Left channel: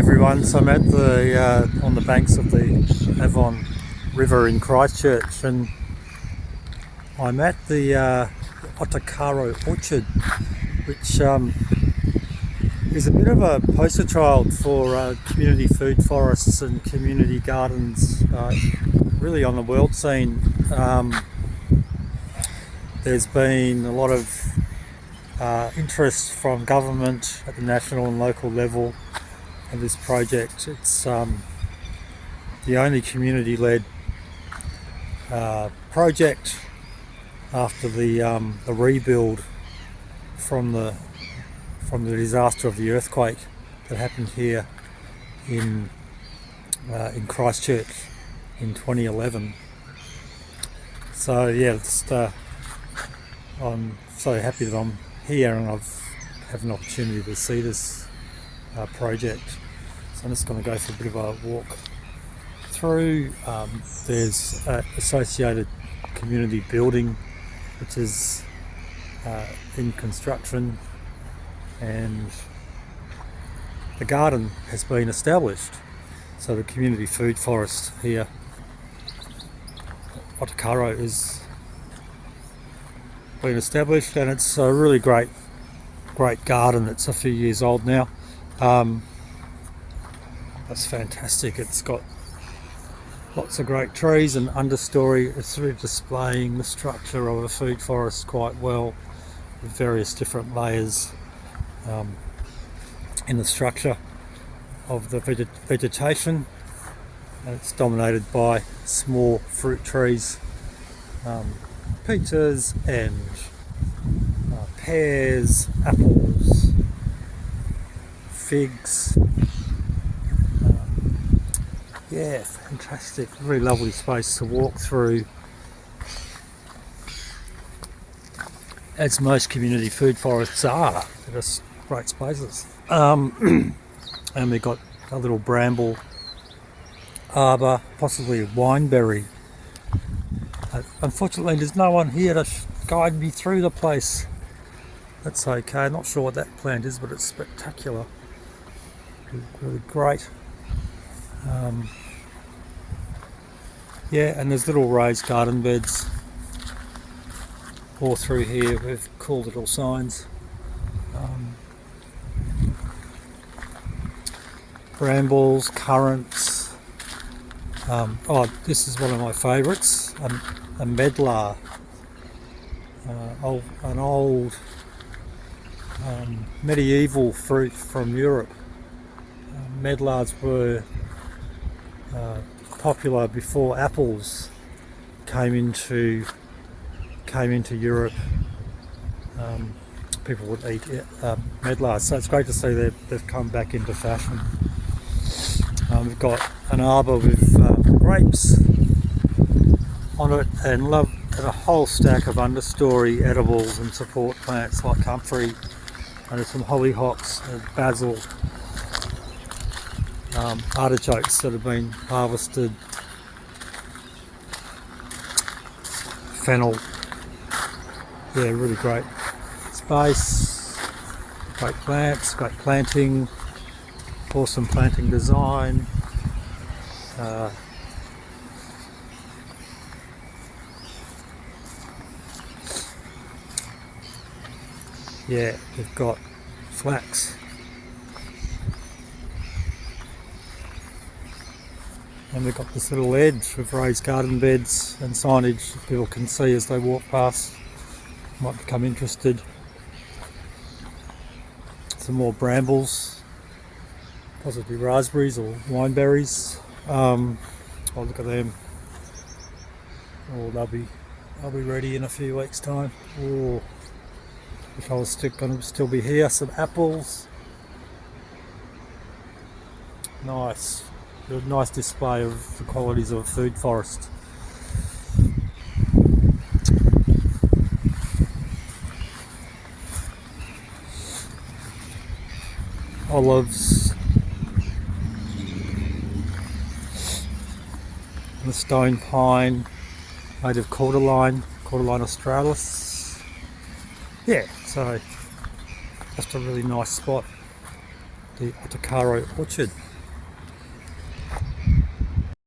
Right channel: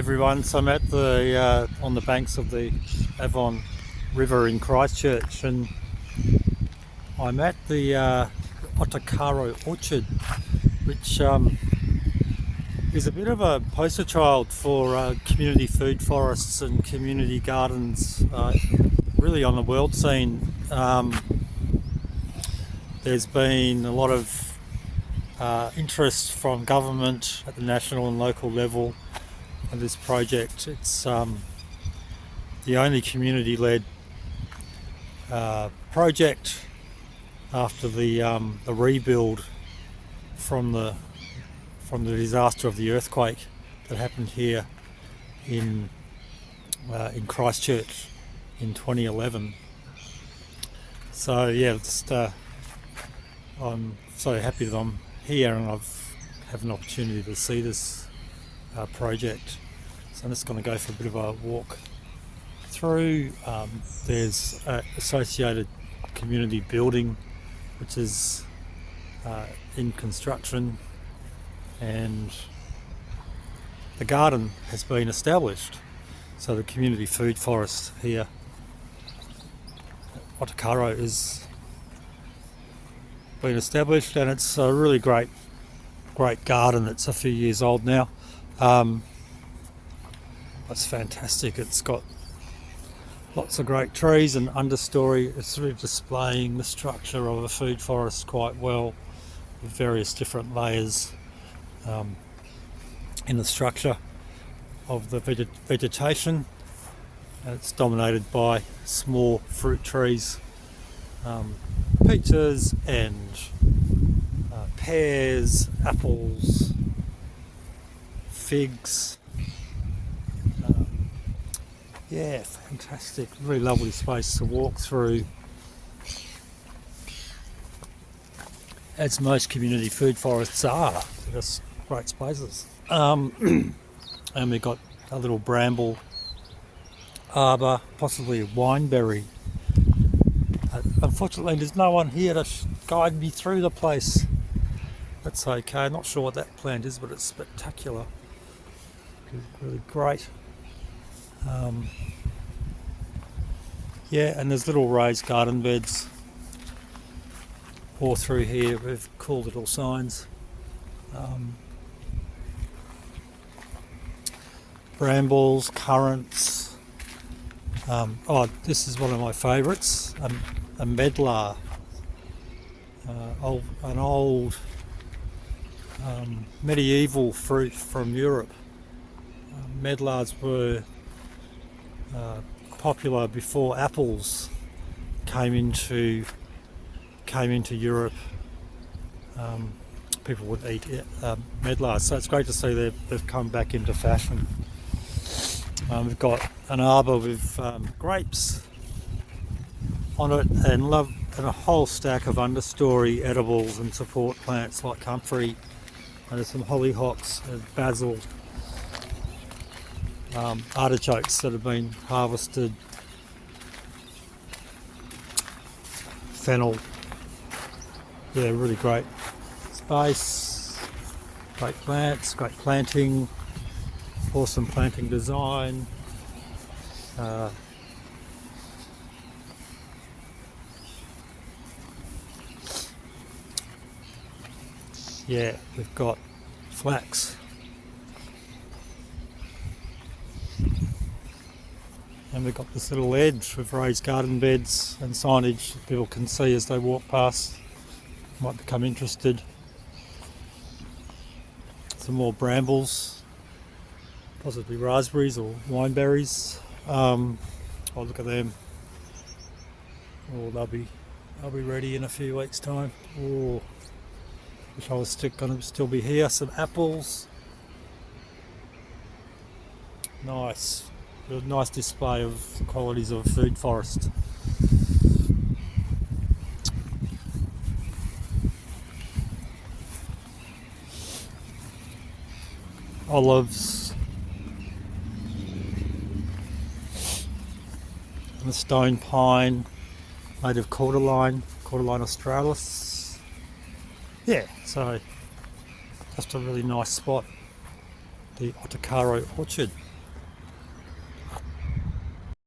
everyone, so I'm at the on the banks of the Avon River in Christchurch, and I'm at the Otakaro orchard, which is a bit of a poster child for community food forests and community gardens, really on the world scene. There's been a lot of interest from government at the national and local level in this project. It's the only community-led project after the rebuild from the disaster of the earthquake that happened here in Christchurch in 2011. So yeah, I'm so happy that I'm here and I've had an opportunity to see this project. So I'm just going to go for a bit of a walk through. There's associated community building which is in construction, and the garden has been established. So the community food forest here, Otakaro, is been established, and it's a really great garden. It's a few years old now. That's fantastic. It's got lots of great trees and understory. It's really displaying the structure of a food forest quite well, with various different layers in the structure of the vegetation. And it's dominated by small fruit trees, peaches and pears, apples, figs. Yeah, fantastic, really lovely space to walk through, as most community food forests are. They're just great spaces. And we've got a little bramble arbour, possibly a wineberry. Unfortunately, there's no one here to guide me through the place. That's okay. I'm not sure what that plant is, but it's spectacular. Really great. Yeah, and there's little raised garden beds all through here with cool little signs. Brambles, currants. Oh, this is one of my favourites, a medlar, an old medieval fruit from Europe. Medlars were popular before apples came into Europe. People would eat medlars, so it's great to see they've come back into fashion. We've got an arbour with grapes on it, and a whole stack of understory edibles and support plants like comfrey. And there's some hollyhocks, basil, artichokes that have been harvested, fennel. Yeah, really great space, great plants, great planting, awesome planting design. Yeah, we've got flax. And we've got this little edge with raised garden beds and signage that people can see as they walk past. Might become interested. Some more brambles, possibly raspberries or wineberries. Oh, look at them. Oh, they'll be ready in a few weeks' time. Oh, wish I was going to still be here. Some apples. Nice. A nice display of the qualities of a food forest. Olives and stone pine, native cordyline australis. Yeah, so just a really nice spot, the Otakaro orchard.